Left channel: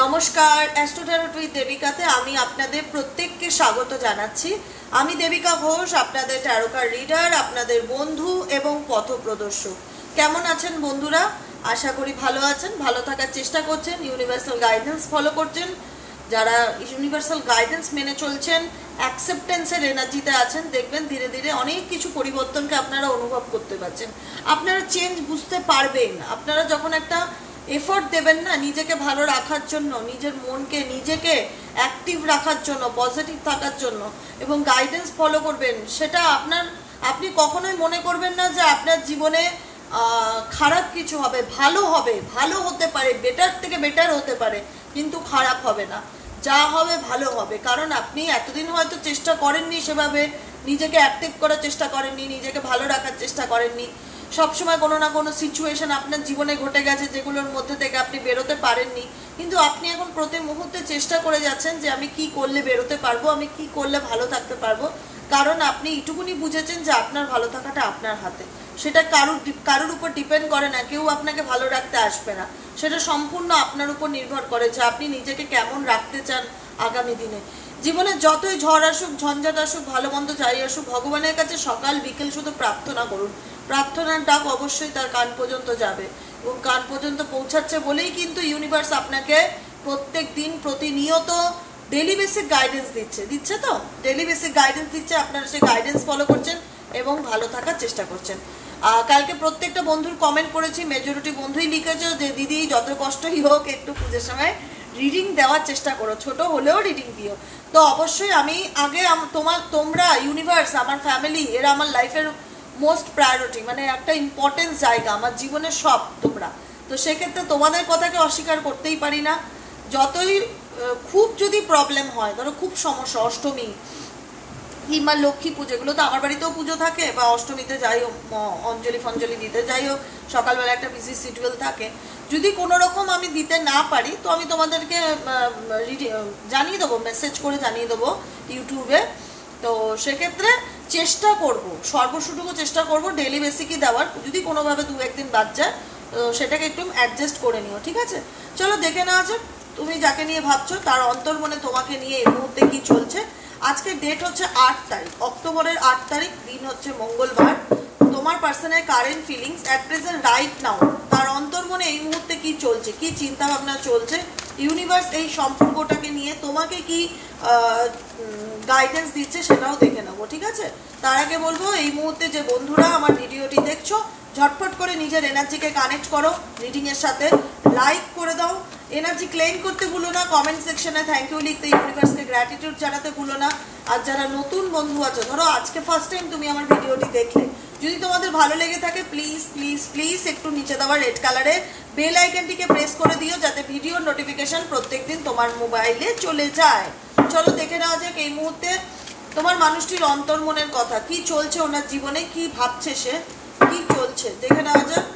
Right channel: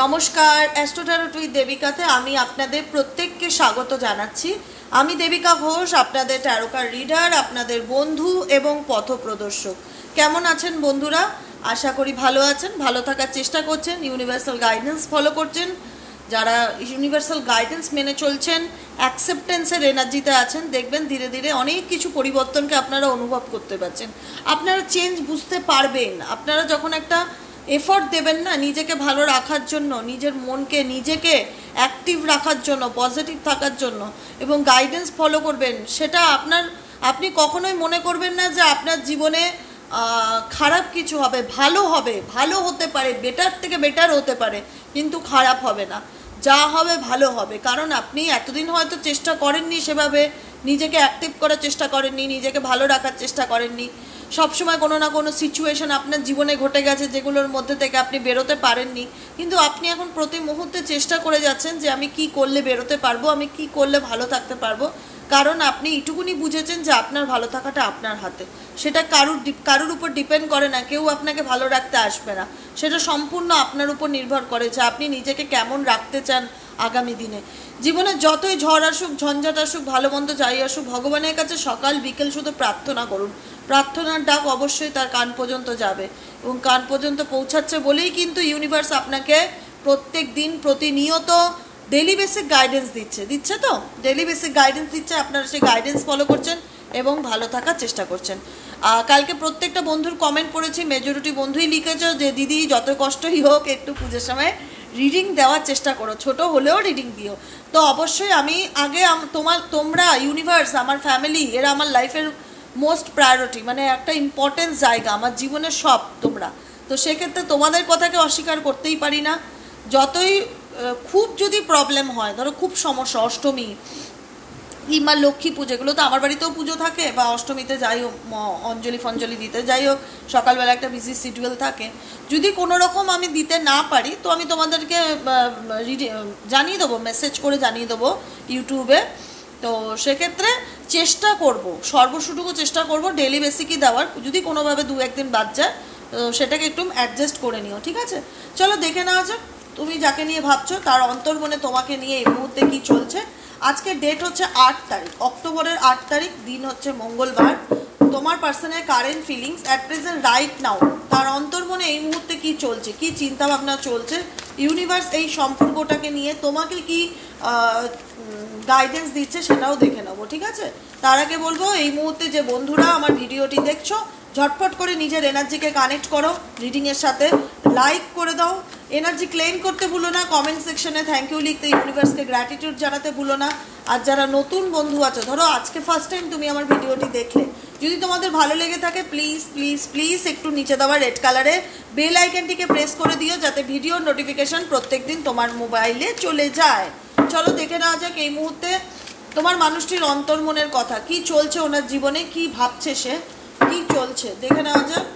নমস্কার, astro tarot with দেবিকাতে আমি আপনাদের প্রত্যেককে স্বাগত জানাচ্ছি। আমি দেবিকা ঘোষ, আপনাদের ট্যারোকার রিডার, আপনাদের বন্ধু এবং পথপ্রদর্শক। কেমন আছেন বন্ধুরা? আশা করি ভালো আছেন, ভালো থাকার চেষ্টা করছেন, ইউনিভার্সাল গাইডেন্স ফলো করছেন। যারা ইউনিভার্সাল গাইডেন্স মেনে চলছেন, অ্যাকসেপ্টেন্সের এনার্জিতে আছেন, দেখবেন ধীরে ধীরে অনেক কিছু পরিবর্তনকে আপনারা অনুভব করতে পারছেন। আপনারা চেঞ্জ বুঝতে পারবেন। আপনারা যখন একটা এফর্ট দেবেন না নিজেকে ভালো রাখার জন্য, নিজের মনকে নিজেকে অ্যাক্টিভ রাখার জন্য, পজিটিভ থাকার জন্য এবং গাইডেন্স ফলো করবেন, সেটা আপনি কখনোই মনে করবেন না যে আপনার জীবনে খারাপ কিছু হবে। ভালো হতে পারে, বেটার থেকে বেটার হতে পারে, কিন্তু খারাপ হবে না। যা হবে ভালো হবে, কারণ আপনি এতদিন হয়তো চেষ্টা করেননি, সেভাবে নিজেকে অ্যাক্টিভ করার চেষ্টা করেননি, নিজেকে ভালো রাখার চেষ্টা করেননি। সবসময় কোনো না কোনো সিচুয়েশন আপনার জীবনে ঘটে গেছে যেগুলোর মধ্যে থেকে আপনি বেরোতে পারেননি, কিন্তু আপনি এখন প্রতি মুহূর্তে চেষ্টা করে যাচ্ছেন যে আমি কি করলে বেরোতে পারবো, আমি কি করলে ভালো থাকতে পারবো। কারণ আপনি এইটুকুনি বুঝেছেন যে আপনার ভালো থাকাটা আপনার হাতে। সেটা কারুর উপর ডিপেন্ড করে না, কেউ আপনাকে ভালো রাখতে আসবে না। সেটা সম্পূর্ণ আপনার উপর নির্ভর করে যে আপনি নিজেকে কেমন রাখতে চান আগামী দিনে। জীবনে যতই ঝড় আসুক, ঝঞ্ঝাট আসুক, ভালো মন্দ যাই আসুক, ভগবানের কাছে সকাল বিকেল শুধু প্রার্থনা করুন। প্রার্থনার ডাক অবশ্যই তার কান পর্যন্ত যাবে, এবং কান পর্যন্ত পৌঁছাচ্ছে বলেই কিন্তু ইউনিভার্স আপনাকে প্রত্যেক দিন প্রতিনিয়ত ডেলি বেসিক গাইডেন্স দিচ্ছে তো ডেলি বেসিক গাইডেন্স দিচ্ছে। আপনারা সেই গাইডেন্স ফলো করছেন এবং ভালো থাকার চেষ্টা করছেন। কালকে প্রত্যেকটা বন্ধুর কমেন্ট পড়েছি, মেজরিটি বন্ধুই লিখেছে যে দিদি যত কষ্টই হোক একটু পুজোর সময় রিডিং দেওয়ার চেষ্টা করো, ছোট হলেও রিডিং দিও। তো অবশ্যই আমি আগে তোমরা ইউনিভার্স, আমার ফ্যামিলি, এরা আমার লাইফের মোস্ট প্রায়োরিটি, মানে একটা ইম্পর্টেন্স জায়গা আমার জীবনের সব তোমরা। তো সেক্ষেত্রে তোমাদের কথাকে অস্বীকার করতেই পারি না। যতই খুব যদি প্রবলেম হয়, ধরো খুব সমস্যা, অষ্টমী কিংবা লক্ষ্মী পুজো, এগুলো তো আমার বাড়িতেও পুজো থাকে, বা অষ্টমীতে যাই হোক, অঞ্জলি দিতে যাই হোক, সকালবেলা একটা বিজি শিডিউল থাকে। যদি কোনো রকম আমি দিতে না পারি তো আমি তোমাদেরকে জানিয়ে দেবো, মেসেজ করে জানিয়ে দেবো ইউটিউবে। তো সেক্ষেত্রে চেষ্টা করব, সর্বসুটুকু চেষ্টা করব ডেলি বেসিকই দেওয়ার। যদি কোনোভাবে দু একদিন বাদ যায় সেটাকে একটু অ্যাডজাস্ট করে নিও, ঠিক আছে? চলো দেখে নেওয়া যাক তুমি যাকে নিয়ে ভাবছো তার অন্তর্মনে তোমাকে নিয়ে এই মুহূর্তে কি চলছে। আজকে ডেট হচ্ছে 8 তারিখ, অক্টোবরের 8 তারিখ, দিন হচ্ছে মঙ্গলবার। তোমার পার্সনের current feelings at present right now, তার অন্তর্মনে এই মুহূর্তে কি চলছে, কি চিন্তা ভাবনা চলছে, ইউনিভার্স এই সম্পর্কটাকে নিয়ে তোমাকে কি গাইডেন্স দিচ্ছে সেটাও দেখে নেবো, ঠিক আছে? তার আগে বলবো, এই মুহূর্তে যে বন্ধুরা আমার ভিডিওটি দেখছো, ঝটপট করে নিজের এনার্জিকে কানেক্ট করো রিডিংয়ের সাথে, লাইক করে দাও, এনার্জি ক্লেম করতে ভুলো না, কমেন্ট সেকশনে থ্যাংক ইউ লিখতে, ইউনিভার্সকে গ্র্যাটিটিউড জানাতে ভুলো না। আর যারা নতুন বন্ধু আছো, ধরো আজকে ফার্স্ট টাইম তুমি আমার ভিডিওটি দেখলে, যদি তোমাদের ভালো লেগে থাকে প্লিজ প্লিজ প্লিজ একটু নিচে দেওয়া রেড কালারে বেল আইকনটিকে প্রেস করে দিও, যাতে ভিডিওর নোটিফিকেশন প্রত্যেকদিন তোমার মোবাইলে চলে যায়। চলো দেখে নেওয়া যাক এই মুহূর্তে তোমার মানুষটির অন্তর্মনের কথা, কি চলছে ওনার জীবনে, কি ভাবছে সে, কি চলছে, দেখে নেওয়া যাক।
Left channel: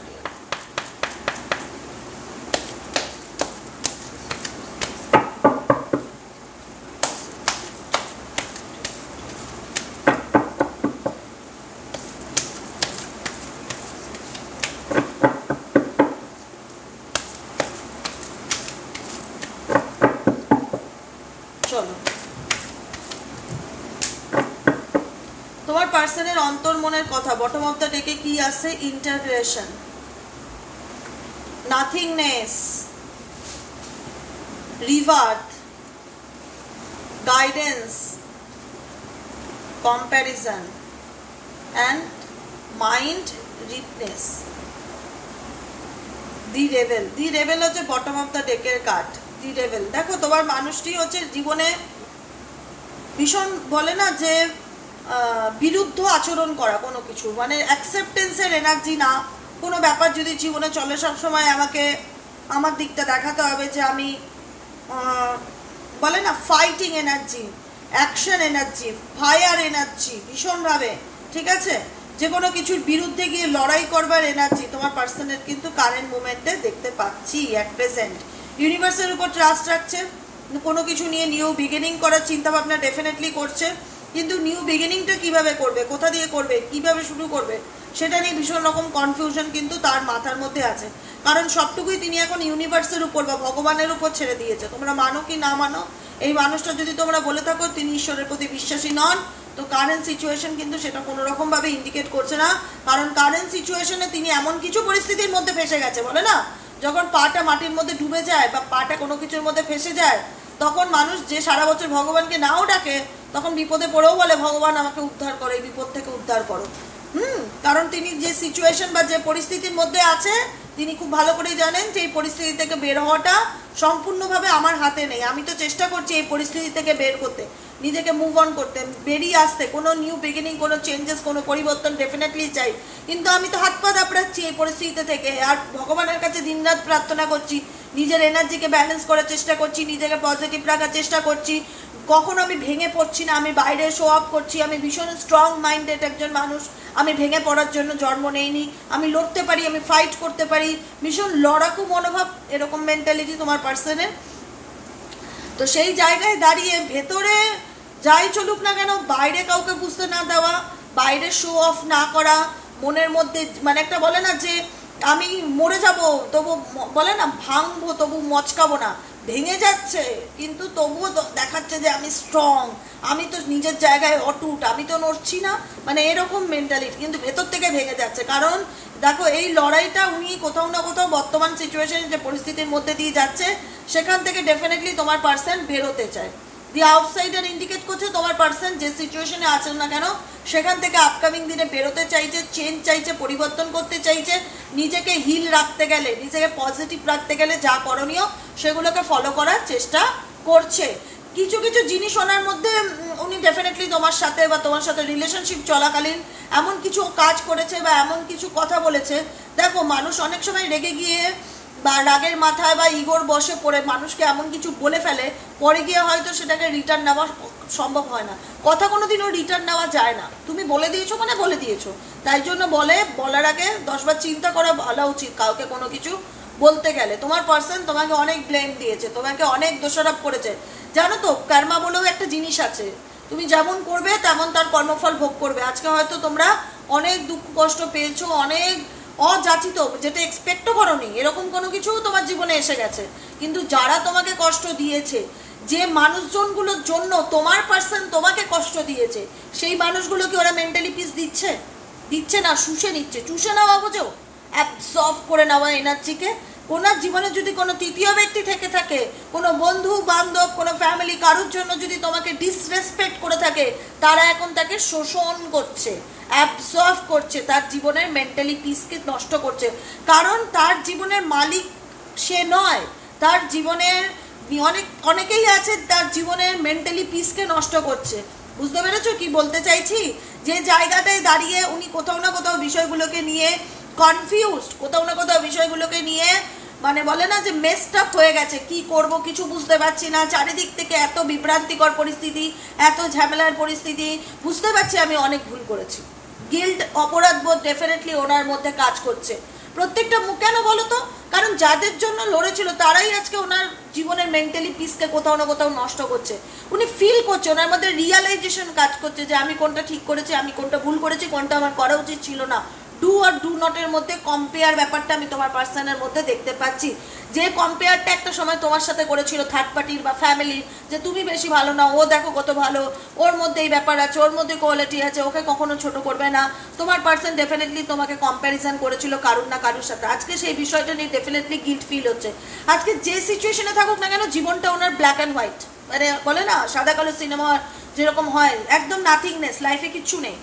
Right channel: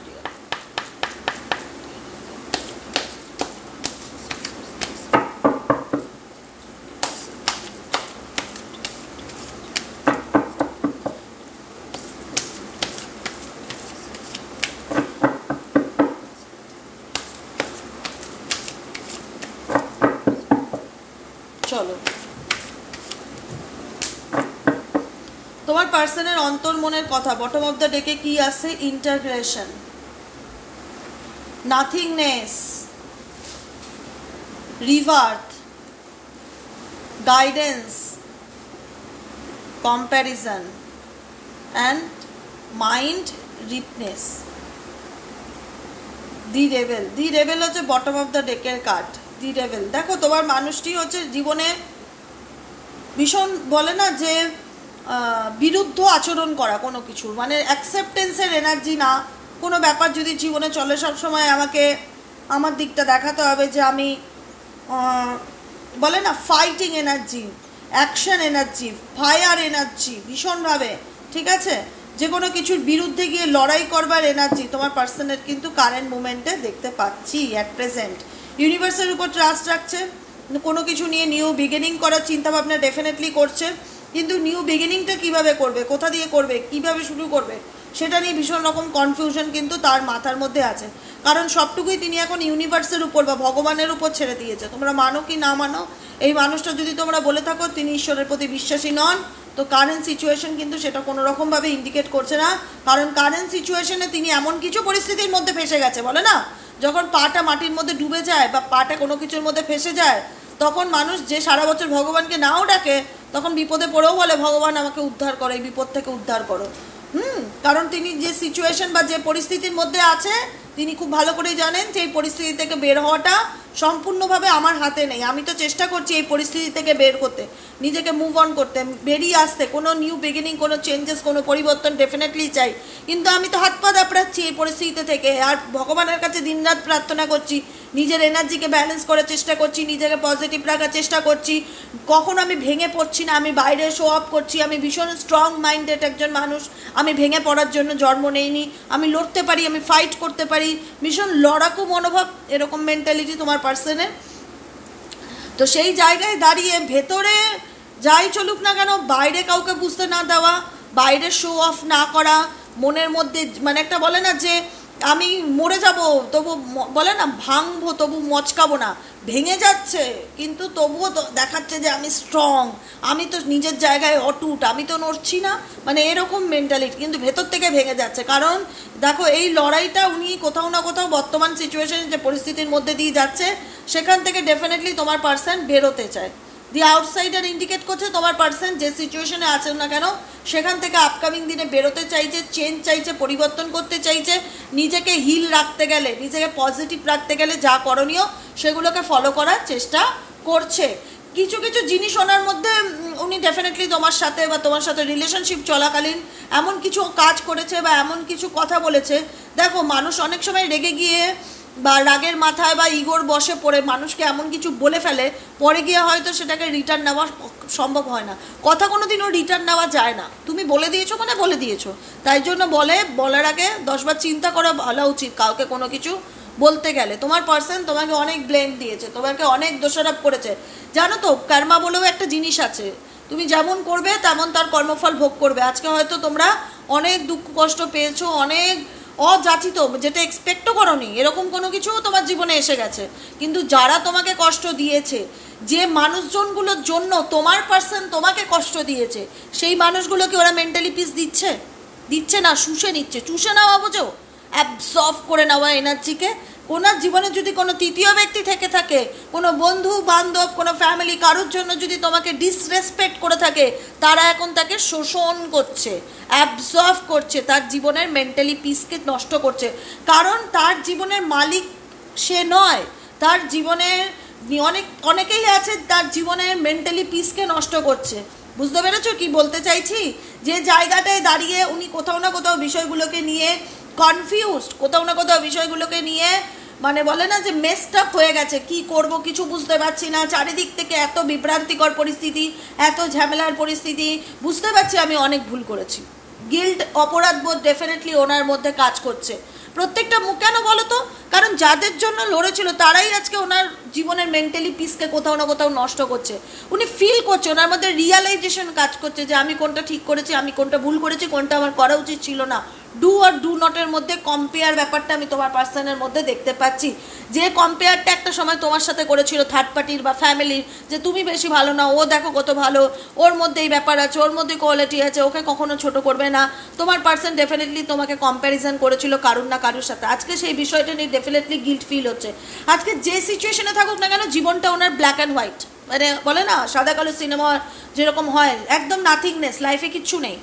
তোমার পার্সনের অন্তর্মনের কথা, বটম অফ দ্য ডেকে কি আসছে? Integration, nothingness, rebirth, guidance, comparison and mind ripeness. The rebel হচ্ছে বটম অফ দ্য ডেকের কার্ড। দি রেবেল, দেখো তোমার মানুষটি হচ্ছে জীবনে ভীষণ, বলে না যে বিরুদ্ধ আচরণ করা কোনো কিছু, মানে অ্যাকসেপ্টেন্সের এনার্জি না। কোনো ব্যাপার যদি জীবনে চলে, সবসময় আমাকে আমার দিকটা দেখাতে হবে যে আমি, বলে না fighting energy, action energy, fire energy ভীষণভাবে, ঠিক আছে? যে কোনো কিছুর বিরুদ্ধে গিয়ে লড়াই করবার এনার্জি তোমার পার্সনের কিন্তু কারেন্ট মুভমেন্টে দেখতে পাচ্ছি অ্যাট প্রেজেন্ট। ইউনিভার্সের উপর ট্রাস্ট রাখছে, কোনো কিছু নিয়ে নিউ বিগিনিং করার চিন্তা ভাবনা ডেফিনেটলি করছে, কিন্তু নিউ বিগিনিংটা কিভাবে করবে, কোথা দিয়ে করবে, কিভাবে শুরু করবে সেটা নিয়ে ভীষণ রকম কনফিউশন কিন্তু তার মাথার মধ্যে আছে, কারণ সবটুকুই তিনি এখন ইউনিভার্সের উপর বা ভগবানের উপর ছেড়ে দিয়েছে। তোমরা মানো কি না মানো, এই মানুষটা যদি তোমরা বলে থাকো তিনি ঈশ্বরের প্রতি বিশ্বাসী নন, তো কারেন্ট সিচুয়েশন কিন্তু সেটা কোনো রকমভাবে ইন্ডিকেট করছে না। কারণ কারেন্ট সিচুয়েশনে তিনি এমন কিছু পরিস্থিতির মধ্যে ফেসে গেছে, বলে না যখন পাটা মাটির মধ্যে ডুবে যায় বা পাটা কোনো কিছুর মধ্যে ফেসে যায়, তখন মানুষ যে সারা বছর ভগবানকে নাও ডাকে, তখন বিপদে পড়েও বলে ভগবান আমাকে উদ্ধার করো, এই বিপদ থেকে উদ্ধার করো। কারণ তিনি যে সিচুয়েশন বা যে পরিস্থিতির মধ্যে আছে, তিনি খুব ভালো করেই জানেন যে এই পরিস্থিতি থেকে বের হওয়াটা সম্পূর্ণভাবে আমার হাতে নেই। আমি তো চেষ্টা করছি এই পরিস্থিতি থেকে বের করতে, নিজেকে মুভ অন করতে, বেরিয়ে আসতে, কোনো নিউ বিগিনিং, কোনো চেঞ্জেস, কোনো পরিবর্তন ডেফিনেটলি চাই। কিন্তু আমি তো হাত পা দাপড়াচ্ছি এই পরিস্থিতি থেকে, আর ভগবানের কাছে দিনরাত প্রার্থনা করছি, নিজের এনার্জিকে ব্যালেন্স করার চেষ্টা করছি, নিজেকে পজিটিভ রাখার চেষ্টা করছি। কখনো আমি ভেঙে পড়ছি না, আমি বাইরে শো অফ করছি, আমি ভীষণ স্ট্রং মাইন্ডেড একজন মানুষ, আমি ভেঙে পড়ার জন্য জন্ম নেইনি, আমি লড়তে পারি, আমি ফাইট করতে পারি, ভীষণ লড়াকু মনোভাব, এরকম মেন্টালিটি তোমার পার্সনের। তো সেই জায়গায় দাঁড়িয়ে ভেতরে যাই চলুক না কেন, বাইরে কাউকে বুঝতে না দেওয়া, বাইরে শো অফ না করা, মনের মধ্যে মানে একটা বলে না যে আমি মরে যাব তবু, বলে না ভাঙবো তবু মচকাবো না, ভেঙে যাচ্ছে কিন্তু তবুও দেখাচ্ছে যে আমি স্ট্রং, আমি তো নিজের জায়গায় অটুট, আমি তো নড়ছি না, মানে এরকম মেন্টালিটি কিন্তু ভেতর থেকে ভেঙে যাচ্ছে। কারণ দেখো এই লড়াইটা উনি কোথাও না কোথাও বর্তমান সিচুয়েশন যে পরিস্থিতির মধ্যে দিয়ে যাচ্ছে, সেখান থেকে ডেফিনেটলি তোমার পার্সন বেরোতে চায়। দি আউটসাইডার ইন্ডিকেট করছে তোমার পার্সন যে সিচুয়েশনে আছেন না কেন, সেখান থেকে আপকামিং দিনে বেরোতে চাইছে, চেঞ্জ চাইছে, পরিবর্তন করতে চাইছে, নিজেকে হিল রাখতে গেলে, নিজেকে পজিটিভ রাখতে গেলে যা করণীয় সেগুলোকে ফলো করার চেষ্টা করছে। কিছু কিছু জিনিস ওনার মধ্যে উনি ডেফিনেটলি তোমার সাথে বা তোমার সাথে রিলেশনশিপ চলাকালীন এমন কিছু কাজ করেছে বা এমন কিছু কথা বলেছে। দেখো মানুষ অনেক সময় রেগে গিয়ে বা রাগের মাথায় বা ইগোর বসে পড়ে মানুষকে এমন কিছু বলে ফেলে, পরে গিয়ে হয়তো সেটাকে রিটার্ন নেওয়া সম্ভব হয় না। কথা কোনোদিনও রিটার্ন নেওয়া যায় না, তুমি বলে দিয়েছো মানে বলে দিয়েছো, তাই জন্য বলার আগে 10 বার চিন্তা করা ভালো উচিত কাউকে কোনো কিছু বলতে গেলে। তোমার পার্সন তোমাকে অনেক ব্লেম দিয়েছে, তোমাকে অনেক দোষারোপ করেছে। জানো তো কর্মা বলেও একটা জিনিস আছে, তুমি যেমন করবে তেমন তার কর্মফল ভোগ করবে। আজকে হয়তো তোমরা অনেক দুঃখ কষ্ট পেয়েছো, অনেক অযাচিত, যেটা এক্সপেক্টও করোনি এরকম কোনো কিছু তোমার জীবনে এসে গেছে, কিন্তু যারা তোমাকে কষ্ট দিয়েছে, যে মানুষজনগুলোর জন্য তোমার পার্সন তোমাকে কষ্ট দিয়েছে, সেই মানুষগুলোকে ওরা মেন্টালি পিস দিচ্ছে না, শুষে নিচ্ছে। চুষে নেওয়া বোঝো, অ্যাবসর্ব করে নেওয়া এনার্জিকে। ওনার জীবনে যদি কোনো তৃতীয় ব্যক্তি থেকে থাকে, কোনো বন্ধু বান্ধব, কোনো ফ্যামিলি, কারোর জন্য যদি তোমাকে ডিসরেসপেক্ট করে থাকে, তারা এখন তাকে শোষণ করছে, অ্যাবসর্ব করছে, তার জীবনের মেন্টালি পিসকে নষ্ট করছে। কারণ তার জীবনের মালিক সে নয়, তার জীবনের অনেকেই আছে তার জীবনের মেন্টালি পিসকে নষ্ট করছে। বুঝতে পেরেছো কি বলতে চাইছি? যে জায়গাটায় দাঁড়িয়ে উনি কোথাও না কোথাও বিষয়গুলোকে নিয়ে কনফিউজড, কোথাও না কোথাও বিষয়গুলোকে নিয়ে মানে বলে না যে মেসড আপ হয়ে গেছে, কি করব কিছু বুঝতে পারছি না, চারিদিক থেকে এত বিভ্রান্তিকর পরিস্থিতি, এত ঝামেলার পরিস্থিতি, বুঝতে পারছি আমি অনেক ভুল করেছি। গিল্ট, অপরাধ বোধ ডেফিনেটলি ওনার মধ্যে কাজ করছে প্রত্যেকটা মুখ। কেন বলো তো? কারণ যাদের জন্য লড়েছিল তারাই আজকে ওনার জীবনের মেন্টালি পিসকে কোথাও না কোথাও নষ্ট করছে। উনি ফিল করছে, ওনার মধ্যে রিয়ালাইজেশন কাজ করছে যে আমি কোনটা ঠিক করেছি, আমি কোনটা ভুল করেছি, কোনটা আমার করা উচিত ছিল না। ডু আর ডু নটের মধ্যে কম্পেয়ার ব্যাপারটা আমি তোমার পার্সনের মধ্যে দেখতে পাচ্ছি। যে কম্পেয়ারটা একটা সময় তোমার সাথে করেছিল থার্ড পার্টির বা ফ্যামিলির, যে তুমি বেশি ভালো না, ও দেখো কত ভালো, ওর মধ্যে এই ব্যাপার আছে, ওর মধ্যে কোয়ালিটি আছে, ওকে কখনো ছোট করবে না। তোমার পার্সন ডেফিনেটলি তোমাকে কম্প্যারিজন করেছিল কারুর না কারুর সাথে। আজকে সেই বিষয়টা নিয়ে ডেফিনেটলি গিল্ট ফিল হচ্ছে। আজকে যে সিচুয়েশনে থাকুক না কেন, জীবনটা ওনার ব্ল্যাক অ্যান্ড হোয়াইট, মানে বলে না সাদা কালো সিনেমা যেরকম হয়, একদম নাথিংনেস, লাইফে কিচ্ছু নেই,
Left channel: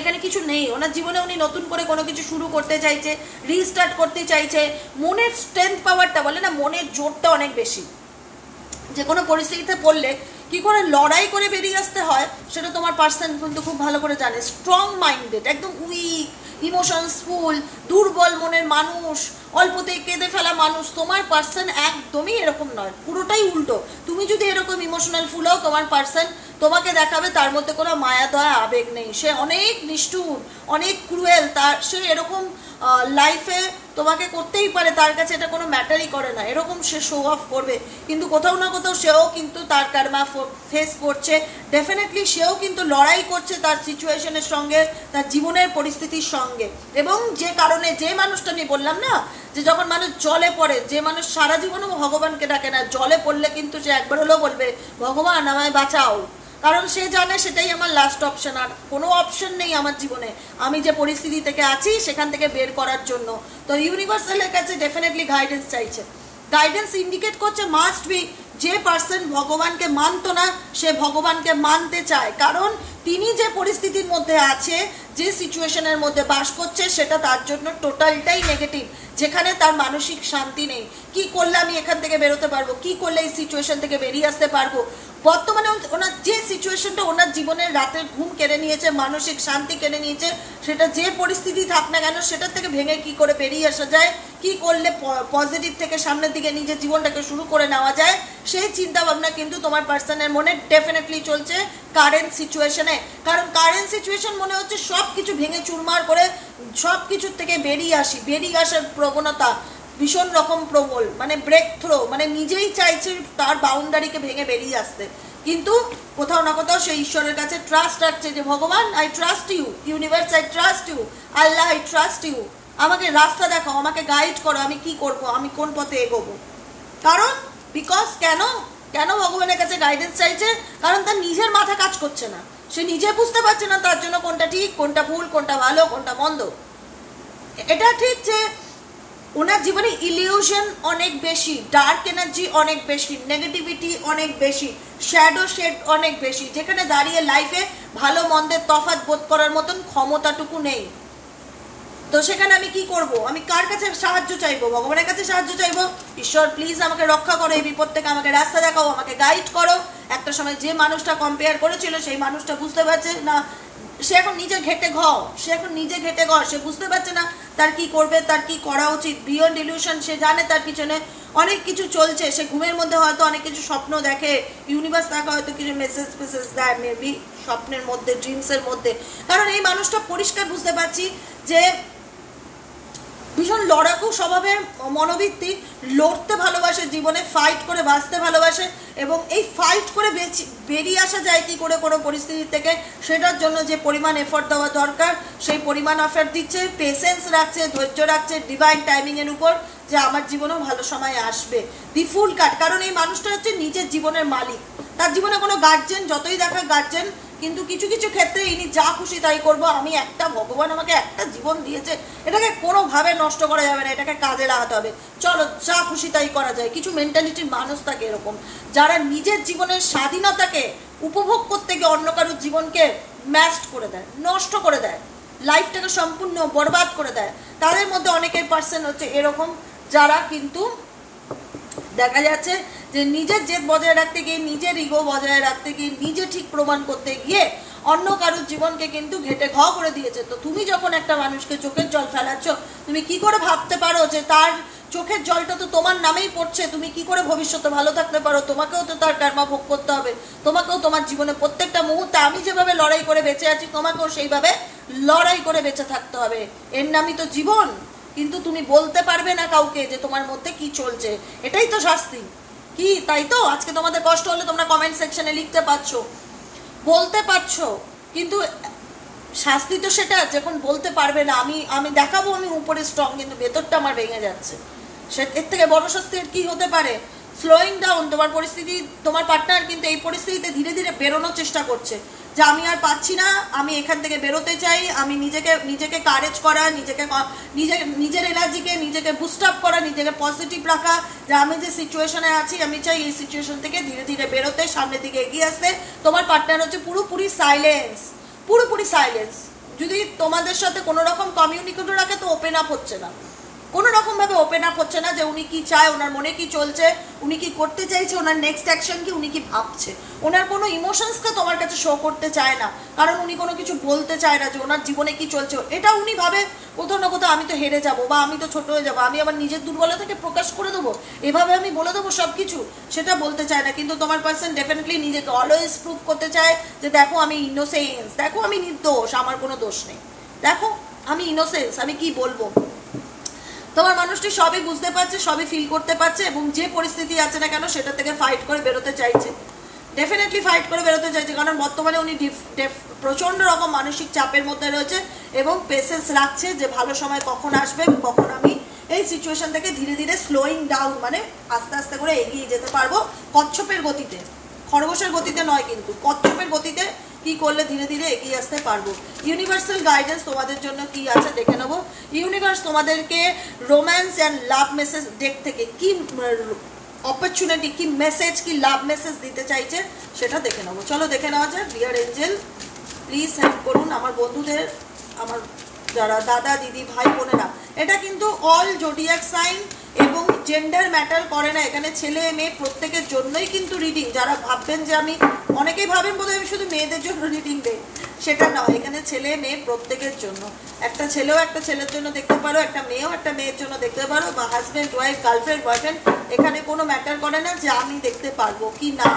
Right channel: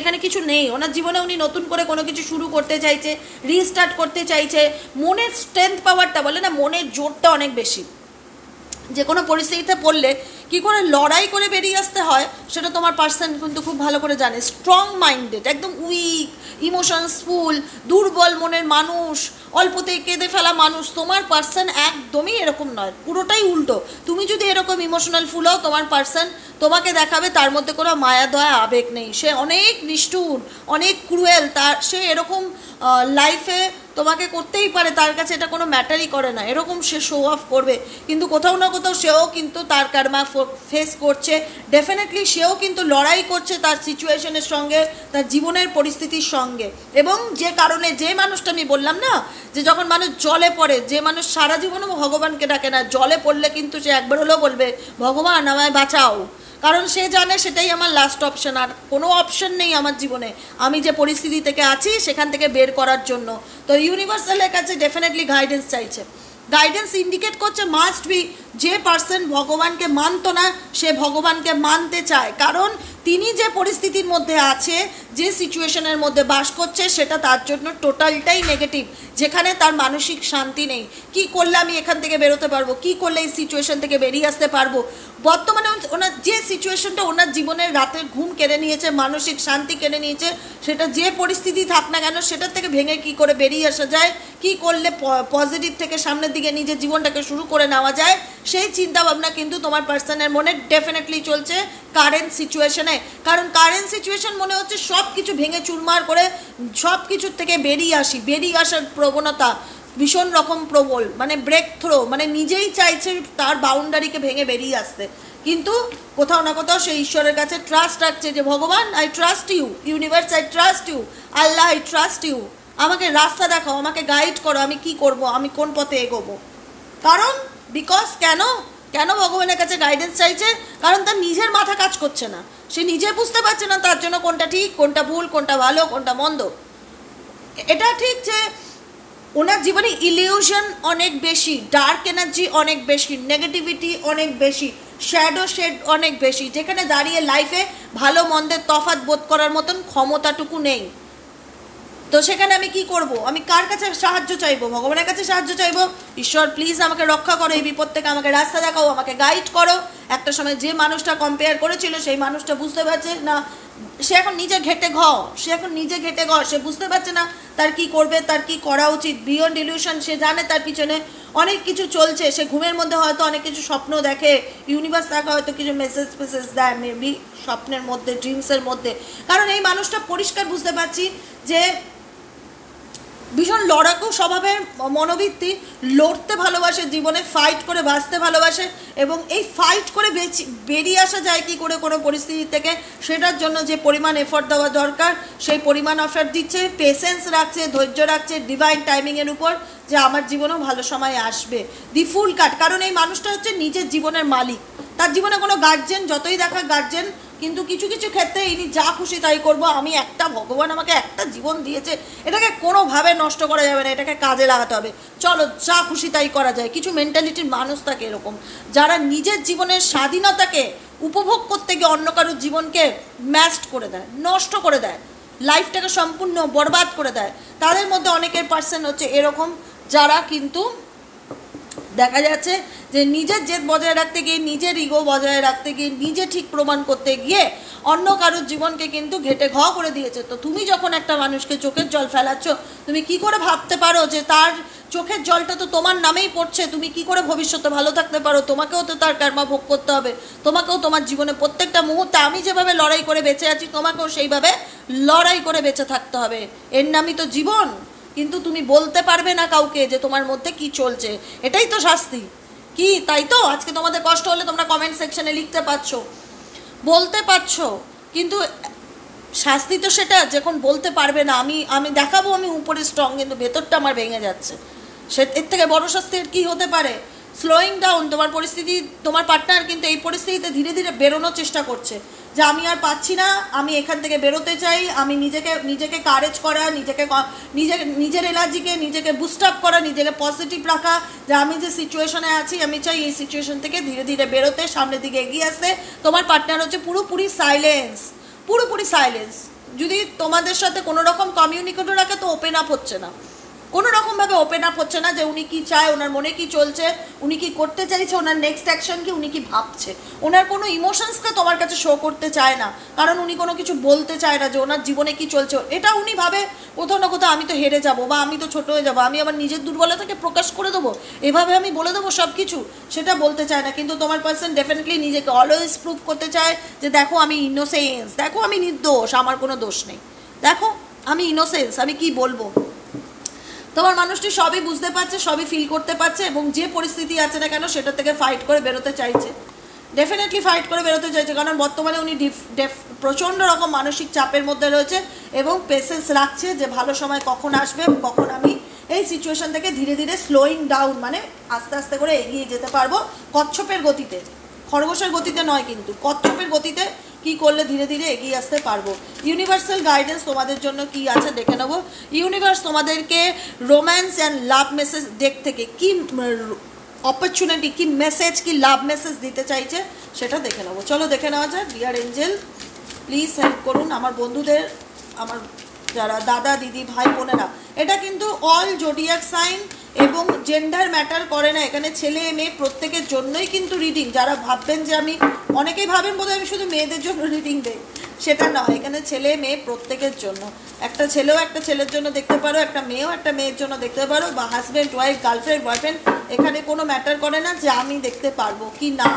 এখানে কিছু নেই ওনার জীবনে। উনি নতুন করে কোনো কিছু শুরু করতে চাইছে, রিস্টার্ট করতে চাইছে। মনের স্ট্রেংথ পাওয়ারটা, বলে না মনের জোরটা অনেক বেশি। যে কোনো পরিস্থিতিতে পড়লে কি করে লড়াই করে বেরিয়ে আসতে হয় সেটা তোমার পার্সন কিন্তু খুব ভালো করে জানে। স্ট্রং মাইন্ডেড, একদম উইক, ইমোশনসফুল, দুর্বল মনের মানুষ, অল্পতেই কেঁদে ফেলা মানুষ। তোমার পার্সন একদমই এরকম নয়, পুরোটাই উল্টো। তুমি যদি এরকম ইমোশনাল ফুল হও, তোমার পার্সন তোমাকে দেখাবে তার মধ্যে কোনো মায়া দয়া আবেগ নেই, সে অনেক নিষ্ঠুর, অনেক ক্রুয়েল, তার সে এরকম লাইফে তোমাকে করতেই পারে, তার কাছে এটা কোনো ম্যাটারই করে না, এরকম সে শো অফ করবে। কিন্তু কোথাও না কোথাও সেও কিন্তু তার কার্মা ফেস করছে, ডেফিনেটলি সেও কিন্তু লড়াই করছে তার সিচুয়েশনের সঙ্গে, তার জীবনের পরিস্থিতির সঙ্গে। এবং যে কারণে, যে মানুষটা আমি বললাম না যে যখন মানুষ জলে পড়ে, যে মানুষ সারা জীবনে ভগবানকে ডাকে না, জলে পড়লে কিন্তু সে একবার হলেও বলবে ভগবান আমায় বাঁচাও, কারণ সে জানে সেটাই আমার লাস্ট অপশন, আর কোনো অপশন নেই আমার জীবনে আমি যে পরিস্থিতি থেকে আছি সেখান থেকে বের করার জন্য। তো ইউনিভার্সালের কাছে ডেফিনেটলি গাইডেন্স চাইছে, গাইডেন্স ইন্ডিকেট করছে মাস্ট বি যে পার্সন ভগবানকে মানতো না সে ভগবানকে মানতে চায়, কারণ তিনি যে পরিস্থিতির মধ্যে আছে, যে সিচুয়েশনের মধ্যে বাস করছে সেটা তার জন্য টোটালটাই নেগেটিভ, যেখানে তার মানসিক শান্তি নেই। কি করলে আমি এখান থেকে বেরোতে পারবো, কি করলে এই সিচুয়েশন থেকে বেরিয়ে আসতে পারবো। বর্তমানে ওনার যে সিচুয়েশনটা ওনার জীবনের রাতের ঘুম কেড়ে নিয়েছে, মানসিক শান্তি কেড়ে নিয়েছে, সেটা যে পরিস্থিতি থাক না কেন সেটার থেকে ভেঙে কি করে বেরিয়ে আসা যায়, কি করলে পজিটিভ থেকে সামনের দিকে নিজের জীবনটাকে শুরু করে নেওয়া যায়, সেই চিন্তা ভাবনা কিন্তু তোমার পার্সনের মনে ডেফিনেটলি চলছে কারেন্ট সিচুয়েশনে। কারণ কারেন্ট সিচুয়েশন মনে হচ্ছে সব কিছু ভেঙে চুরমার করে সব কিছুর থেকে বেরিয়ে আসার প্রবণতা ভীষণ রকম প্রবল, মানে ব্রেক থ্রো, মানে নিজেই চাইছে তার বাউন্ডারিকে ভেঙে বেরিয়ে আসতে, কিন্তু কোথাও না কোথাও সে ঈশ্বরের কাছে ট্রাস্ট রাখছে যে ভগবান I trust you, universe I trust you, Allah I trust you, আমাকে রাস্তা দেখাও, আমাকে গাইড করো, আমি কি করব, আমি কোন পথে এগোবো। কারণ বিকজ কেন ভগবানের কাছে গাইডেন্স চাইছে, কারণ তার নিজের মাথা কাজ করছে না, সে নিজে বুঝতে পারছে না তার জন্য কোনটা ঠিক, কোনটা ভুল, কোনটা ভালো, কোনটা মন্দ। এটা ঠিক যে ওনার জীবনে ইলিউশন অনেক বেশি, ডার্ক এনার্জি অনেক বেশি, নেগেটিভিটি অনেক বেশি, শ্যাডো শেড অনেক বেশি, যেখানে দাঁড়িয়ে লাইফে ভালো মন্দের তফাৎ বোধ করার মতন ক্ষমতাটুকু নেই। তো সেখানে আমি কি করব, আমি কার কাছে সাহায্য চাইবো, ভগবানের কাছে সাহায্য চাইবো, ঈশ্বর প্লিজ আমাকে রক্ষা করো, এই বিপদ থেকে আমাকে রাস্তা দেখাও, আমাকে গাইড করো। একটা সময় যে মানুষটা কম্পেয়ার করেছিল সেই মানুষটা বুঝতে পারছে না, সে এখন নিজে ঘেটে ঘ, সে বুঝতে পারছে না তার কি করবে, তার কি করা উচিত। বিয়ন্ড ইলিউশন, সে জানে তার পিছনে অনেক কিছু চলছে, সে ঘুমের মধ্যে হয়তো অনেক কিছু স্বপ্ন দেখে, ইউনিভার্স তাকে হয়তো কিছু মেসেজ দেয় মেবি স্বপ্নের মধ্যে, ড্রিমসের মধ্যে। কারণ এই মানুষটা পরিষ্কার বুঝতে পারছি যে ভীষণ লড়াকু স্বভাবের মনোবৃত্তি, লড়তে ভালোবাসে, জীবনে ফাইট করে বাঁচতে ভালোবাসে, এবং এই ফাইট করে বেরিয়ে আসা যায় কি করে কোনো পরিস্থিতি থেকে, সেটার জন্য যে পরিমাণ এফোর্ট দেওয়া দরকার সেই পরিমাণ এফোর্ট দিচ্ছে, পেশেন্স রাখছে, ধৈর্য রাখছে ডিভাইন টাইমিংয়ের উপর, যে আমার জীবনেও ভালো সময় আসবে। দি ফুল কাট, কারণ এই মানুষটা হচ্ছে নিজের জীবনের মালিক, তার জীবনে কোনো গার্জেন যতই দেখা গার্জেন, কিন্তু কিছু কিছু ক্ষেত্রে ইনি যা খুশি তাই করবো, আমি একটা ভগবান আমাকে একটা জীবন দিয়েছে, এটাকে কোনোভাবে নষ্ট করা যাবে না, এটাকে কাজে লাগাতে হবে, চলো যা খুশি তাই করা যায়। কিছু মেন্টালিটির মানুষ থাকে এরকম, যারা নিজের জীবনের স্বাধীনতাকে উপভোগ করতে গিয়ে অন্য কারোর জীবনকে ম্যাস্ট করে দেয়, নষ্ট করে দেয়, লাইফটাকে সম্পূর্ণ বরবাদ করে দেয়। তাদের মধ্যে অনেকের পার্সন হচ্ছে এরকম, যারা কিন্তু দেখা যাচ্ছে যে নিজের জেদ বজায় রাখতে গিয়ে, নিজের ইগো বজায় রাখতে গিয়ে, নিজে ঠিক প্রমাণ করতে গিয়ে অন্য কারোর জীবনকে কিন্তু ঘেটে ঘ করে দিয়েছে। তো তুমি যখন একটা মানুষকে চোখের জল ফেলাচ্ছ, তুমি কি করে ভাবতে পারো যে তার চোখের জলটা তো তোমার নামেই পড়ছে, তুমি কি করে ভবিষ্যতে ভালো থাকতে পারো, তোমাকেও তো তার কর্মা ভোগ করতে হবে, তোমাকেও তোমার জীবনে প্রত্যেকটা মুহূর্তে আমি যেভাবে লড়াই করে বেঁচে আছি তোমাকেও সেইভাবে লড়াই করে বেঁচে থাকতে হবে, এর নামই তো জীবন। কিন্তু তুমি বলতে পারবে না কাউকে যে তোমার মধ্যে কি চলছে, এটাই তো শাস্তি। কি তাই তো আজকে তোমাদের কষ্ট হলে তোমরা কমেন্ট সেকশনে লিখতে পারছো, বলতে পারছো, কিন্তু শাস্তি তো সেটা যখন বলতে পারবে না, আমি দেখাবো আমি উপরে স্ট্রং, কিন্তু ভেতরটা আমার ভেঙে যাচ্ছে, সে এর থেকে বড় শাস্তি কি হতে পারে? স্লোয়িং ডাউন তোমার পরিস্থিতি, তোমার পার্টনার কিন্তু এই পরিস্থিতিতে ধীরে ধীরে বেরোনোর চেষ্টা করছে, যে আমি আর পাচ্ছি না, আমি এখান থেকে বেরোতে চাই, আমি নিজেকে কারেজ করা, নিজের এনার্জিকে নিজেকে বুস্ট আপ করা, নিজেকে পজিটিভ রাখা, যে আমি যে সিচুয়েশনে আছি আমি চাই এই সিচুয়েশন থেকে ধীরে ধীরে বেরোতে, সামনের দিকে এগিয়ে আসতে। তোমার পার্টনার হচ্ছে পুরোপুরি সাইলেন্স, যদি তোমাদের সাথে কোনো রকম কমিউনিকেটর রাখে তো ওপেন আপ হচ্ছে না, কোনো রকমভাবে ওপেন আপ হচ্ছে না যে উনি কি চায়, ওনার মনে কি চলছে, উনি কি করতে চাইছে, ওনার নেক্সট অ্যাকশন কি, উনি কি ভাবছে। ওনার কোনো ইমোশনসকে তোমার কাছে শো করতে চায় না, কারণ উনি কোনো কিছু বলতে চায় না যে ওনার জীবনে কি চলছে। এটা উনি ভাবে কোথাও না কোথাও আমি তো হেরে যাব, বা আমি তো ছোট হয়ে যাবো, আমি আবার নিজের দুর্বলতাকে প্রকাশ করে দেবো, এভাবে আমি বলে দেবো সব কিছু, সেটা বলতে চায় না। কিন্তু তোমার পার্সন ডেফিনেটলি নিজেকে অলওয়েজ প্রুভ করতে চায় যে দেখো আমি ইনোসেন্স, দেখো আমি নির্দোষ, আমার কোনো দোষ নেই, দেখো আমি ইনোসেন্স, আমি কি বলবো। তোমার মানুষটি সবই বুঝতে পারছে, সবই ফিল করতে পারছে, এবং যে পরিস্থিতি আছে না কেন সেটা থেকে ফাইট করে বেরোতে চাইছে, ডেফিনেটলি ফাইট করে বেরোতে চাইছে। কারণ বর্তমানে উনি প্রচণ্ড রকম মানসিক চাপের মধ্যে রয়েছে এবং পেশেন্স রাখছে যে ভালো সময় কখন আসবে, কখন আমি এই সিচুয়েশন থেকে ধীরে ধীরে স্লোয়িং ডাউন, মানে আস্তে আস্তে করে এগিয়ে যেতে পারবো কচ্ছপের গতিতে, খরগোশের গতিতে নয়, কিন্তু কচ্ছপের গতিতে কি করলে ধীরে ধীরে এগিয়ে আসতে পারবো। ইউনিভার্সাল গাইডেন্স তোমাদের জন্য কি আছে দেখে নেবো। ইউনিভার্স তোমাদেরকে romance and love message deck থেকে কি অপরচুনিটি, কি মেসেজ, কি লাভ মেসেজ দিতে চাইছে সেটা দেখে নেবো। চলো দেখে নেওয়া যায়। ডিয়ার এঞ্জেল প্লিজ হেল্প করুন আমার বন্ধুদের, আমার যারা দাদা দিদি ভাই বোনেরা। এটা কিন্তু অল জোডিয়াক সাইন এবং জেন্ডার ম্যাটার করে না, এখানে ছেলে মেয়ে প্রত্যেকের জন্যই কিন্তু রিডিং। যারা ভাববেন যে আমি, অনেকেই ভাবেন বোধহয় আমি শুধু মেয়েদের জন্য রিডিং দেই, সেটা নয়, এখানে ছেলে মেয়ে প্রত্যেকের জন্য। একটা ছেলেও একটা ছেলের জন্য দেখতে পারো, একটা মেয়েও একটা মেয়ের জন্য দেখতে পারো, বা হাজব্যান্ড ওয়াইফ, গার্লফ্রেন্ড বয়ফ্রেন্ড, এখানে কোনো ম্যাটার করে না যে আমি দেখতে পারবো কি না,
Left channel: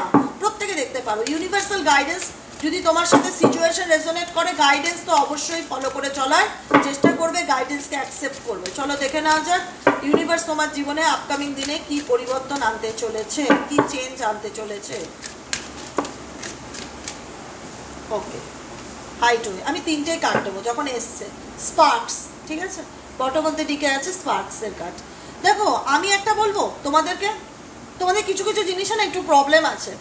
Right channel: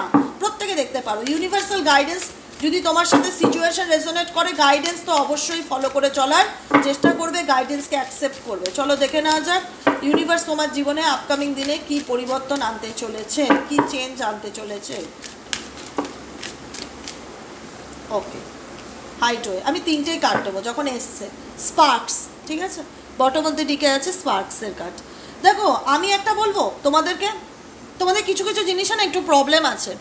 প্রত্যেকে দেখতে পারো। ইউনিভার্সাল গাইডেন্স যদি তোমার সাথে সিচুয়েশন রেজোনেট করে, গাইডেন্স তো অবশ্যই ফলো করে চলার চেষ্টা করবে, গাইডেন্সকে অ্যাকসেপ্ট করবে। চলো দেখে নেওয়া যাক ইউনিভার্স তোমার জীবনে আপকামিং দিনে কি পরিবর্তন আনতে চলেছে, কি চেঞ্জ আনতে চলেছে। ওকে, হাইট হয়ে আমি তিনটেই কার্ড দেবো যখন এসছে। স্পার্কস, ঠিক আছে, বটম মধ্যে টিকে আছে স্পার্কসের কার্ড। দেখো আমি একটা বলবো তোমাদেরকে, তোমাদের কিছু কিছু জিনিসে না একটু প্রবলেম আছে।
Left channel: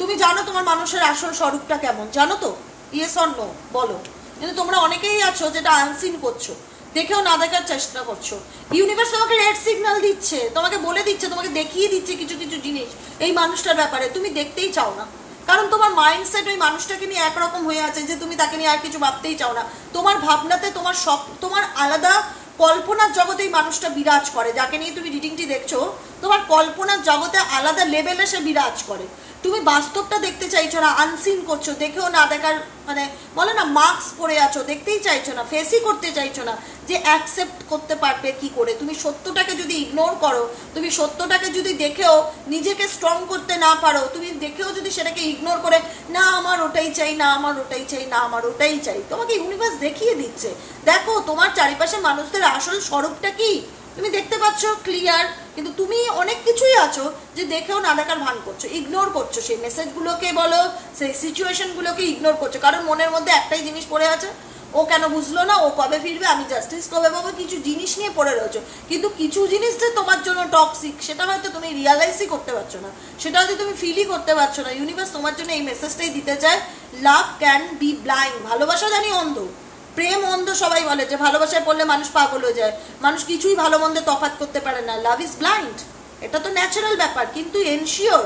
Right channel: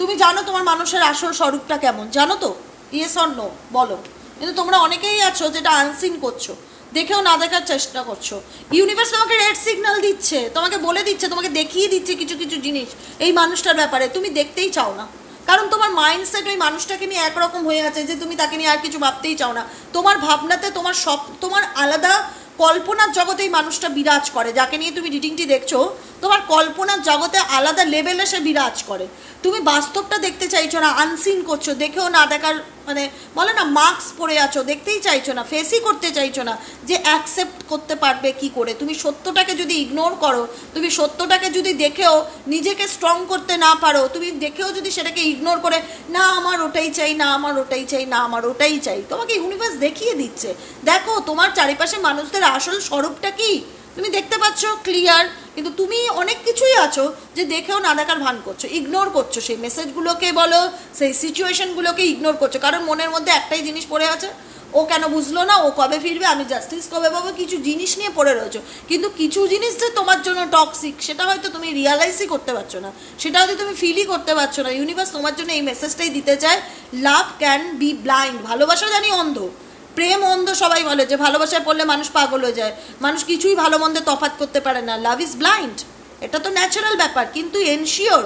তুমি জানো তোমার মানুষের আসল স্বরূপটা কেমন, জানো তো? ইয়েস অর নো বলো। কিন্তু তোমরা অনেকেই আছো যেটা আনসিন করছো, দেখেও না দেখার চেষ্টা করছো। ইউনিভার্স তোমাকে রেড সিগন্যাল দিচ্ছে, তোমাকে বলে দিচ্ছে, তোমাকে দেখিয়ে দিচ্ছে কিছু কিছু জিনিস এই মানুষটার ব্যাপারে, তুমি দেখতেই চাও না। কারণ তোমার মাইন্ডসেট ওই মানুষটাকে নিয়ে একরকম হয়ে আছে যে তুমি তাকে নিয়ে আর কিছু ভাবতেই চাও না। তোমার ভাবনাতে তোমার সব, তোমার আলাদা কল্পনার জগতে এই মানুষটা বিরাজ করে, যাকে নিয়ে তুমি রিডিংটি দেখছো, তোমার কল্পনার জগতে আলাদা লেভেলে সে বিরাজ করে। তুমি বাস্তবটা দেখতে চাইছো না, আনসিন করছো, দেখেও না দেখার, মানে বলে না মাস্ক পরে আছো, দেখতেই চাইছো না, ফেসই করতে চাইছো না যে অ্যাকসেপ্ট করতে পারবে কি করে। তুমি সত্যটাকে যদি ইগনোর করো, তুমি সত্যটাকে যদি দেখেও নিজেকে স্ট্রং করতে না পারো, তুমি দেখেও যদি সেটাকে ইগনোর করে না আমার ওটাই চাই, না আমার ওটাই চাই, না আমার ওটাই চাই, তোমাকে ইউনিভার্স দেখিয়ে দিচ্ছে দেখো তোমার চারিপাশে মানুষদের আসল স্বরূপটা কি তুমি দেখতে পাচ্ছ ক্লিয়ার। কিন্তু তুমি অনেক কিছুই আছো যে দেখেও না দেখার ভান করছো, ইগনোর করছো, সেই মেসেজগুলোকে বলো, সেই সিচুয়েশনগুলোকে ইগনোর করছো, কারণ মনের মধ্যে একটাই জিনিস পড়ে আছে, ও কেন বুঝলো না, ও কবে ফিরবে, আমি জাস্টিস কবে পাবো, কিছু জিনিস নিয়ে পড়ে রয়েছো। কিন্তু কিছু জিনিস যে তোমার জন্য টক্সিক সেটা হয়তো তুমি রিয়ালাইজই করতে পারছো না, সেটা হয়তো তুমি ফিলই করতে পারছো না। ইউনিভার্স তোমার জন্য এই মেসেজটাই দিতে চায়, লাভ ক্যান বি ব্লাইন্ড। ভালোবাসা জানি অন্ধ, প্রেম অন্ধ, সবাই বলে যে ভালোবাসায় পড়লে মানুষ পাগল হয়ে যায়, মানুষ কিছুই ভালো মন্দে তফাৎ করতে পারে না, লাভ ইজ ব্লাইন্ড, এটা তো ন্যাচারাল ব্যাপার। কিন্তু এনশিওর,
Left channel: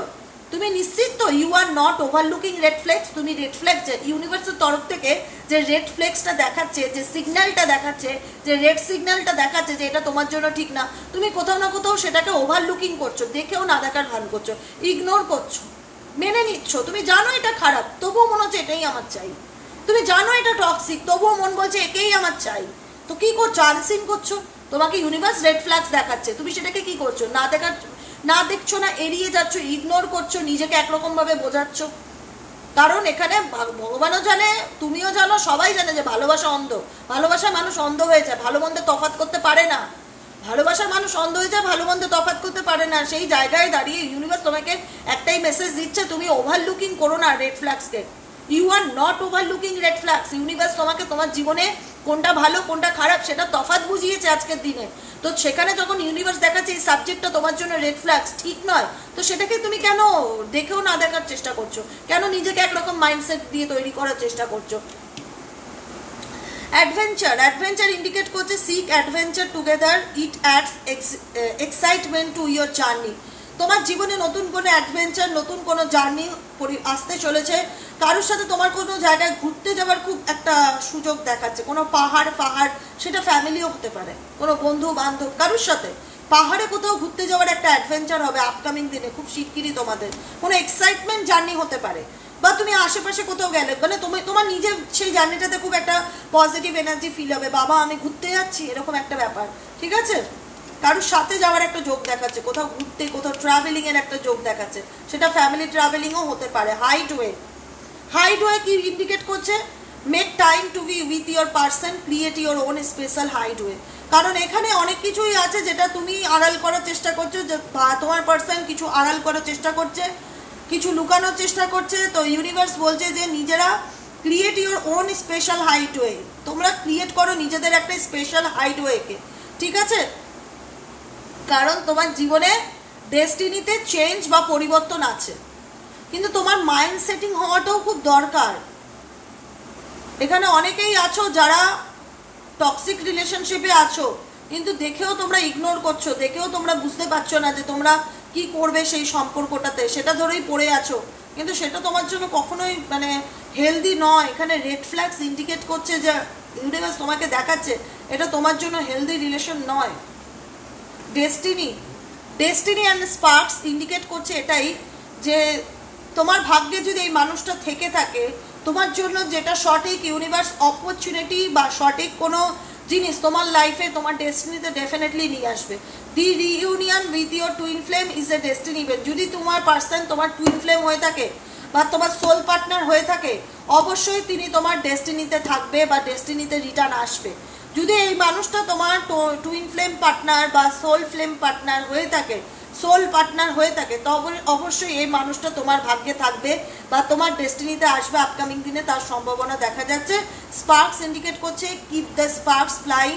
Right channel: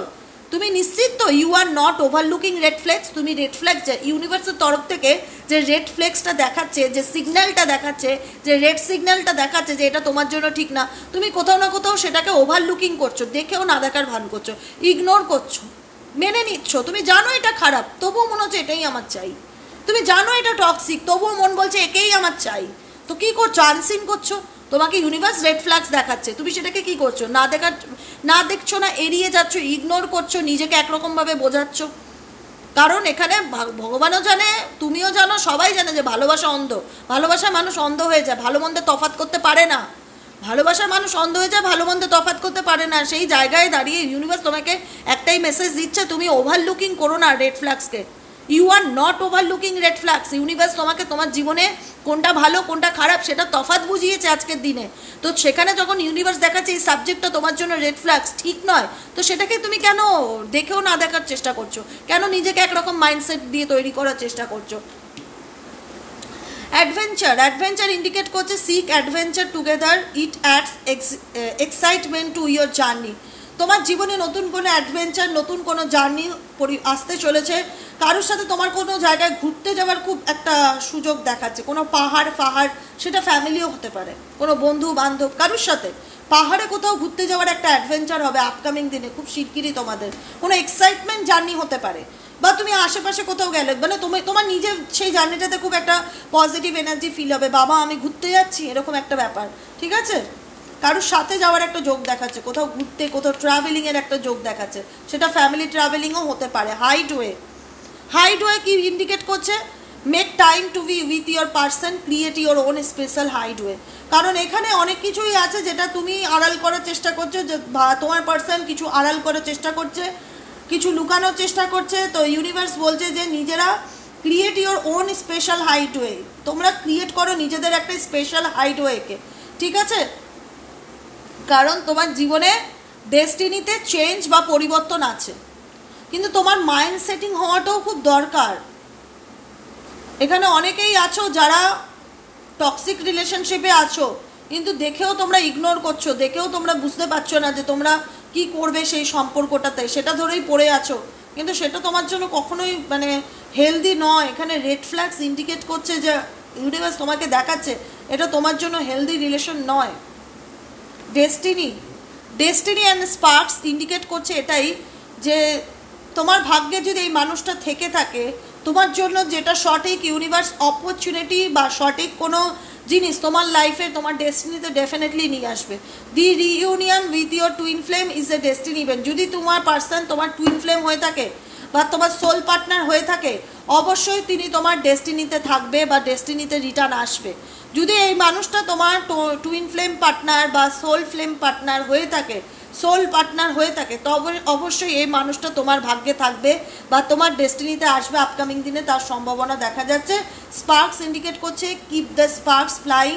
তুমি নিশ্চিত তো you are not overlooking red flags. তুমি রেড ফ্ল্যাগ ইউনিভার্সের তরফ থেকে যে রেড ফ্ল্যাগসটা দেখাচ্ছে, যে সিগন্যালটা দেখাচ্ছে, যে রেড সিগন্যালটা দেখাচ্ছে যে এটা তোমার জন্য ঠিক না, তুমি কোথাও না কোথাও সেটাকে ওভারলুকিং করছো, দেখেও না দেখার ভান করছো, ইগনোর করছো, মেনে নিচ্ছ। তুমি জানো এটা খারাপ, তবুও মনে হচ্ছে এটাই আমার চাই। তুমি জানো এটা টক্সিক, তবুও মন বলছে একেই আমার চাই। তো কি করছো? আনসিন করছো। তোমাকে ইউনিভার্স রেড ফ্ল্যাগস দেখাচ্ছে, তুমি সেটাকে কি করছো? না দেখছো না, এড়িয়ে যাচ্ছ, ইগনোর করছো, নিজেকে একরকমভাবে বোঝাচ্ছ। কারণ এখানে ভগবানও জানে, তুমিও জানো, সবাই জানে যে ভালোবাসা অন্ধ। ভালোবাসার মানুষ অন্ধ হয়ে যায়, ভালো মন্দ তফাৎ করতে পারে না। ভালোবাসার মানুষ অন্ধ হয়ে যায়, ভালো মন্দ তফাৎ করতে পারে না। সেই জায়গায় দাঁড়িয়ে ইউনিভার্স তোমাকে একটাই মেসেজ দিচ্ছে, তুমি ওভারলুকিং করো না রেড ফ্ল্যাগসকে। You are not overlooking red flags. Universe তোমাকে তোমার জীবনে কোনটা ভালো কোনটা খারাপ সেটা তফাৎ বুঝিয়েছে আজকের দিনে। তো সেখানে যখন ইউনিভার্স দেখাচ্ছে এই সাবজেক্টটা তোমার জন্য রেড ফ্ল্যাগস ঠিক নয়, তো সেটাকে তুমি কেন দেখেও না দেখার চেষ্টা করছো? কেন নিজেকে একরকম মাইন্ডসেট দিয়ে তৈরি করার চেষ্টা করছো? অ্যাডভেঞ্চার ইন্ডিকেট করছে seek adventure together, it adds excitement to your journey. তোমার জীবনে নতুন কোনো অ্যাডভেঞ্চার, নতুন কোনো জার্নি আসতে চলেছে। কারোর সাথে তোমার কোনো জায়গায় ঘুরতে যাওয়ার খুব একটা সুযোগ দেখাচ্ছে, কোনো পাহাড়, সেটা ফ্যামিলিও হতে পারে, কোনো বন্ধু বান্ধব কারোর সাথে পাহাড়ে কোথাও ঘুরতে যাওয়ার একটা অ্যাডভেঞ্চার হবে আপকামিং দিনে, খুব শিগগিরই তোমাদের কোনো এক্সাইটমেন্ট জার্নি হতে পারে। বা তুমি আশেপাশে কোথাও গেলে, মানে তোমার নিজের সেই জার্নিটাতে খুব একটা পজিটিভ এনার্জি ফিল হবে, বাবা আমি ঘুরতে যাচ্ছি, এরকম একটা ব্যাপার, ঠিক আছে। কারোর সাথে যাওয়ার একটা যোগ দেখাচ্ছে, কোথাও ঘুরতে, কোথাও ট্রাভেলিং এর একটা যোগ দেখাচ্ছে, সেটা ফ্যামিলি ট্রাভেলিংও হতে পারে। হাইডওয়ে কি ইন্ডিকেট করছে? Make time to be with your person, create your own special hideaway. কারণ এখানে অনেক কিছুই আছে যেটা তুমি আড়াল করার চেষ্টা করছো, যে তোমার পার্সন কিছু আড়াল করার চেষ্টা করছে, কিছু লুকানোর চেষ্টা করছে। তো ইউনিভার্স বলছে যে নিজেরা ক্রিয়েট ইয়োর ওন স্পেশাল হাইডওয়ে, তোমরা ক্রিয়েট করো নিজেদের একটা স্পেশাল হাইডওয়েকে, ঠিক আছে। কারণ তোমার জীবনে ডেস্টিনিতে চেঞ্জ বা পরিবর্তন আছে, কিন্তু তোমার মাইন্ড সেটিং হওয়াটাও খুব দরকার। এখানে অনেকেই আছো যারা টক্সিক রিলেশনশিপে আছো, কিন্তু দেখেও তোমরা ইগনোর করছো, দেখেও তোমরা বুঝতে পারছো না যে তোমরা কি করবে সেই সম্পর্কটাতে, সেটা ধরেই পড়ে আছো, কিন্তু সেটা তোমার জন্য কখনোই মানে হেলদি নয়। এখানে রেড ফ্ল্যাগস ইন্ডিকেট করছে যে ইউনিভার্স তোমাকে দেখাচ্ছে এটা তোমার জন্য হেলদি রিলেশন নয়। ডেস্টিনি অ্যান্ড স্পার্কস ইন্ডিকেট করছে এটাই, যে তোমার ভাগ্যে যদি এই মানুষটা থেকে থাকে, তোমার জন্য যেটা সঠিক ইউনিভার্স অপরচুনিটি বা সঠিক কোনো জিনিস তোমার লাইফে, তোমার ডেস্টিনিতে ডেফিনেটলি নিয়ে আসবে। The reunion with your twin flame is a destiny event. যদি তোমার পার্সন তোমার টুইন ফ্লেম হয়ে থাকে বা তোমার সোল পার্টনার হয়ে থাকে, অবশ্যই তিনি তোমার ডেস্টিনিতে থাকবে বা ডেস্টিনিতে রিটার্ন আসবে। যদি এই মানুষটা তোমার টুইন ফ্লেম পার্টনার বা সোল ফ্লেম পার্টনার হয়ে থাকে, তবে অবশ্যই এই মানুষটা তোমার ভাগ্যে থাকবে বা তোমার ডেস্টিনিতে আসবে আপকামিং দিনে, তার সম্ভাবনা দেখা যাচ্ছে। স্পার্কস ইন্ডিকেট করছে keep the sparks flying,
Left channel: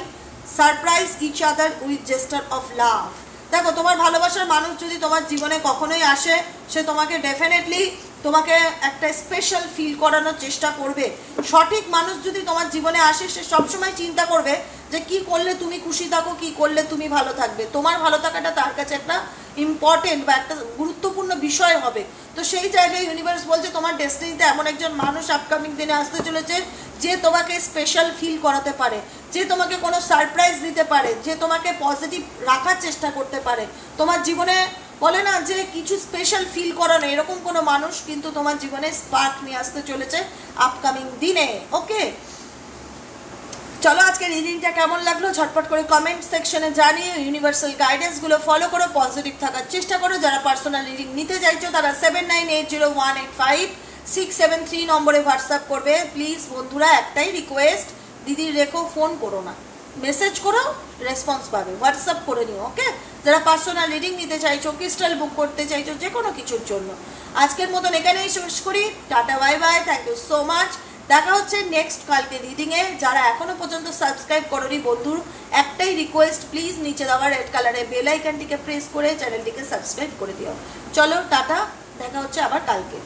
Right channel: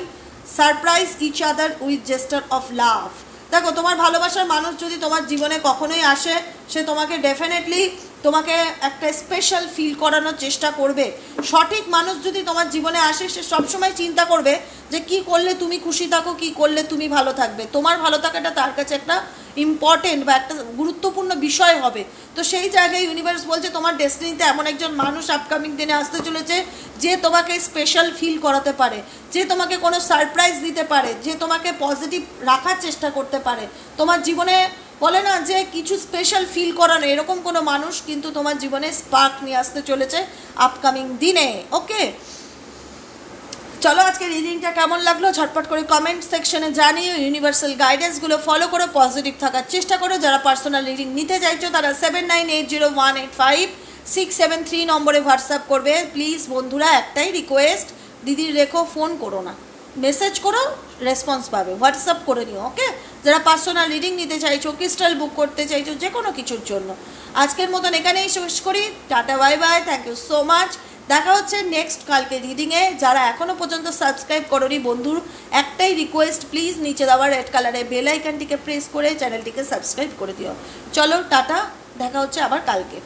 surprise each other with gesture of love. দেখো, তোমার ভালোবাসার মানুষ যদি তোমার জীবনে কখনোই আসে, সে তোমাকে ডেফিনেটলি তোমাকে একটা স্পেশাল ফিল করানোর চেষ্টা করবে। সঠিক মানুষ যদি তোমার জীবনে আসে, সে সবসময় চিন্তা করবে যে কি করলে তুমি খুশি থাকো, কি করলে তুমি ভালো থাকবে। তোমার ভালো থাকাটা তার কাছে একটা ইম্পর্টেন্ট বা একটা গুরুত্বপূর্ণ বিষয় হবে। তো সেই জায়গায় ইউনিভার্স বলছে তোমার ডেস্টিনিতে এমন একজন মানুষ আপকামিং দিনে আসতে চলেছে, যে তোমাকে স্পেশাল ফিল করাতে পারে, যে তোমাকে কোনো সারপ্রাইজ দিতে পারে, যে তোমাকে পজিটিভ রাখার চেষ্টা করতে পারে। তোমার জীবনে বলে না যে কিছু স্পেশাল ফিল করানো, এরকম কোনো মানুষ কিন্তু তোমার জীবনে স্পার্ক নিয়ে আসতে চলেছে আপকামিং দিনে। ওকে, চলো আজকে রিডিংটা কেমন লাগলো ঝটপট করে কমেন্ট সেকশনে জানিয়ে ইউনিভার্সাল গাইডেন্সগুলো ফলো করো, পজিটিভ থাকার চেষ্টা করো। যারা পার্সোনাল রিডিং নিতে চাইছো তারা 7980185673 নম্বরে হোয়াটসঅ্যাপ করবে। প্লিজ বন্ধুরা, একটাই রিকোয়েস্ট, দিদির রেখো, ফোন করো না, মেসেজ করো, রেসপন্স পাবে, হোয়াটসঅ্যাপ করে নিও। ওকে, যারা পার্সোনাল রিডিং নিতে চাইছো, ক্রিস্টাল বুক করতে চাইছো, যে কোনো কিছুর জন্য, আজকের মতন এখানেই শেষ করি। Tata, bye bye, thank you so much. দেখা হচ্ছে নেক্সট কালকে রিডিংয়ে। যারা এখনো পর্যন্ত সাবস্ক্রাইব করোনি বন্ধুর একটাই রিকোয়েস্ট, প্লিজ নিচে দেওয়া রেড কালারের বেল আইকনটিকে প্রেস করে চ্যানেলটিকে সাবস্ক্রাইব করে দিও। চলো টাটা, দেখা হচ্ছে আবার কালকে।